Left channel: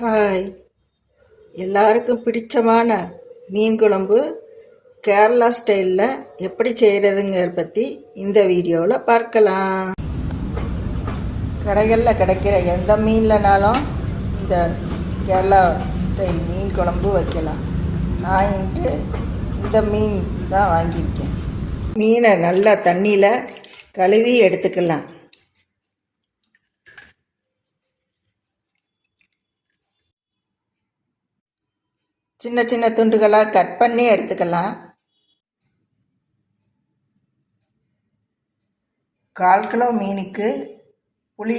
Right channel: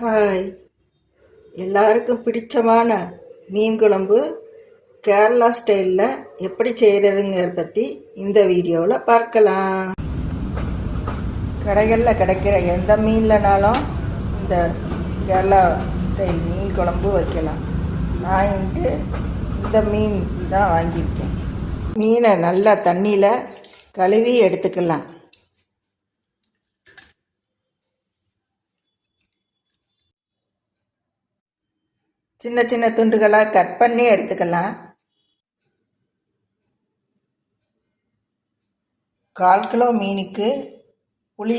Hi. எல்லாருக்கும் பிடிச்சமான மீன் குழம்பு கேரளா ஸ்டைலில் எப்படி செய்கிறதுங்கிற பற்றி இந்த வீடியோவில் பார்க்கலாம். கடைகளில் கிடைக்கிற எந்த மீன்லனாலும் இந்த கேரளா ஸ்டைல் மீன் குழம்பு வைக்கலாம். நான் இன்று இந்த மீன் தான் வாங்கியிருக்கேன். மீனை நல்லா தண்ணியில் கழுவி எடுத்துக்கலாம். சின்ன சின்ன துண்டுகளாக கட் பண்ணி எடுத்துக்கலாம். கால் கிலோ மீனுக்கு புளி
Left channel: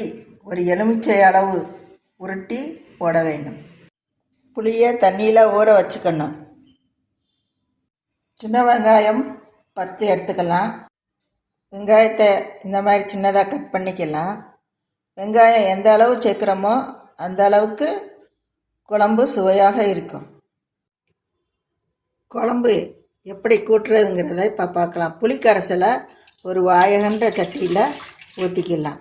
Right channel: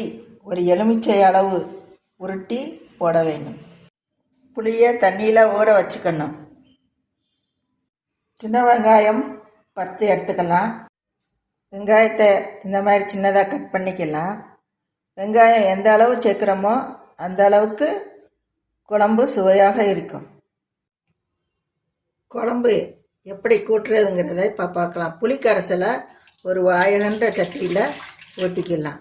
ஒரு எலுமிச்சை அளவு உருட்டி போட வேண்டும். புளியை தண்ணியில் ஊற வச்சுக்கணும். சின்ன வெங்காயம் பத்து எடுத்துக்கலாம். வெங்காயத்தை இந்த மாதிரி சின்னதாக கட் பண்ணிக்கலாம். வெங்காயம் எந்த அளவு சேர்க்குறோமோ அந்த அளவுக்கு குழம்பு சுவையாக இருக்கும். குழம்பு எப்படி கூட்டுறதுங்கிறத இப்போ பார்க்கலாம். புளிக்கரைசலை ஒரு வாயகன்ற சட்டியில் ஊற்றிக்கலாம்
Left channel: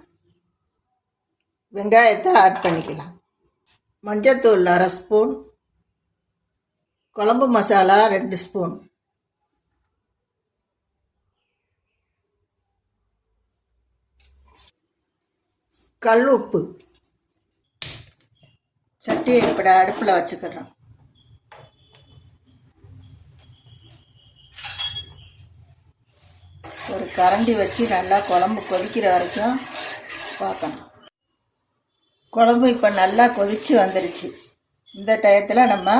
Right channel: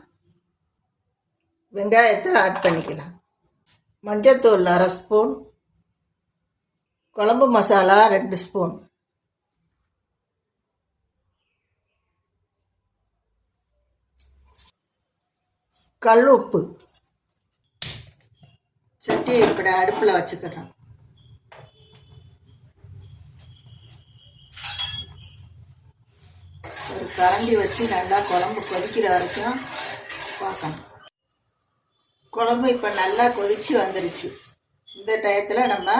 வெங்காயத்தை ஆட் பண்ணிக்கலாம். மஞ்சத்தூள் அரை ஸ்பூன். குழம்பு மசாலா ரெண்டு ஸ்பூன். கல் உப்பு. சட்டியை இப்படி அடுப்பில் வச்சுக்கிறோம் ஒரு கரண்டி வச்சு நல்லா குழம்பு கொதிக்கிற வரைக்கும் பார்க்கணும். குழம்பு இப்போ நல்லா கொதித்து வந்துருச்சு. இந்த டயத்தில் நம்ம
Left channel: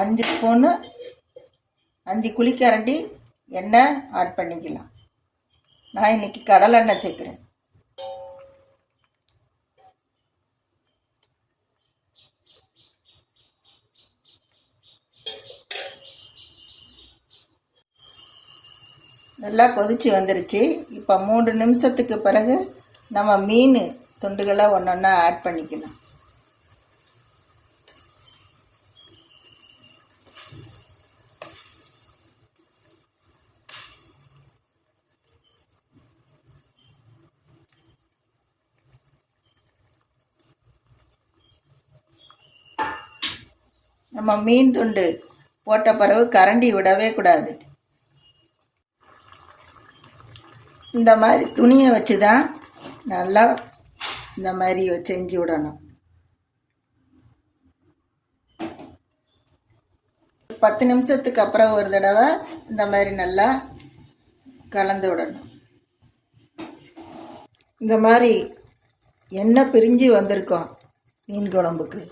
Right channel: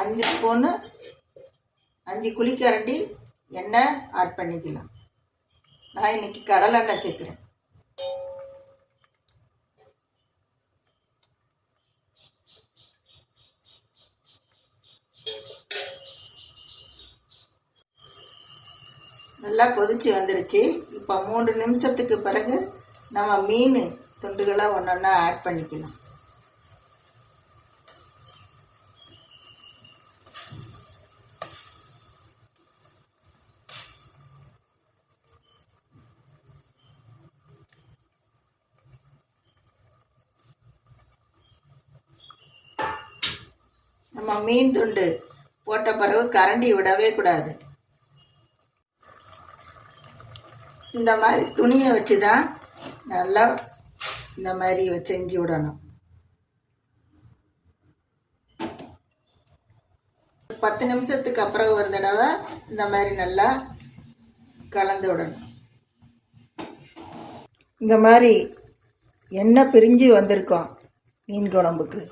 அஞ்சு ஸ்பூனு அஞ்சு குழிக்கரண்டி எண்ணெய் ஆட் பண்ணிக்கலாம். நான் இன்னைக்கு கடலெண்ணெய் சேர்க்குறேன். நல்லா கொதிச்சு வந்துருச்சு. இப்போ மூன்று நிமிஷத்துக்கு பிறகு நம்ம மீன் துண்டுகளை ஒன்று ஒன்றா ஆட் பண்ணிக்கலாம் நம்ம மீன் துண்டு போட்ட பிறகு கரண்டி விடவே கூடாது. இந்த மாதிரி துணியை வச்சு தான் நல்லா இந்த மாதிரி செஞ்சு விடணும். பத்து நிமிஷத்துக்கு அப்புறம் ஒரு தடவை இந்த மாதிரி நல்லா கலந்து விடணும். இந்த மாதிரி எண்ணெய் பிரிஞ்சு வந்திருக்கோம் மீன் குழம்புக்கு.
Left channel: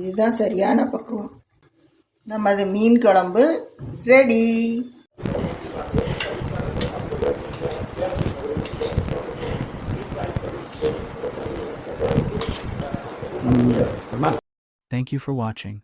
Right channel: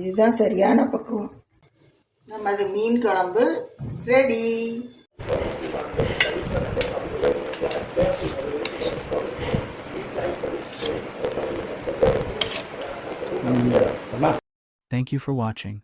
இதுதான் சரியான பக்குவம். நமது மீன் குழம்பு ready. the, uh, the. Thank you for watching.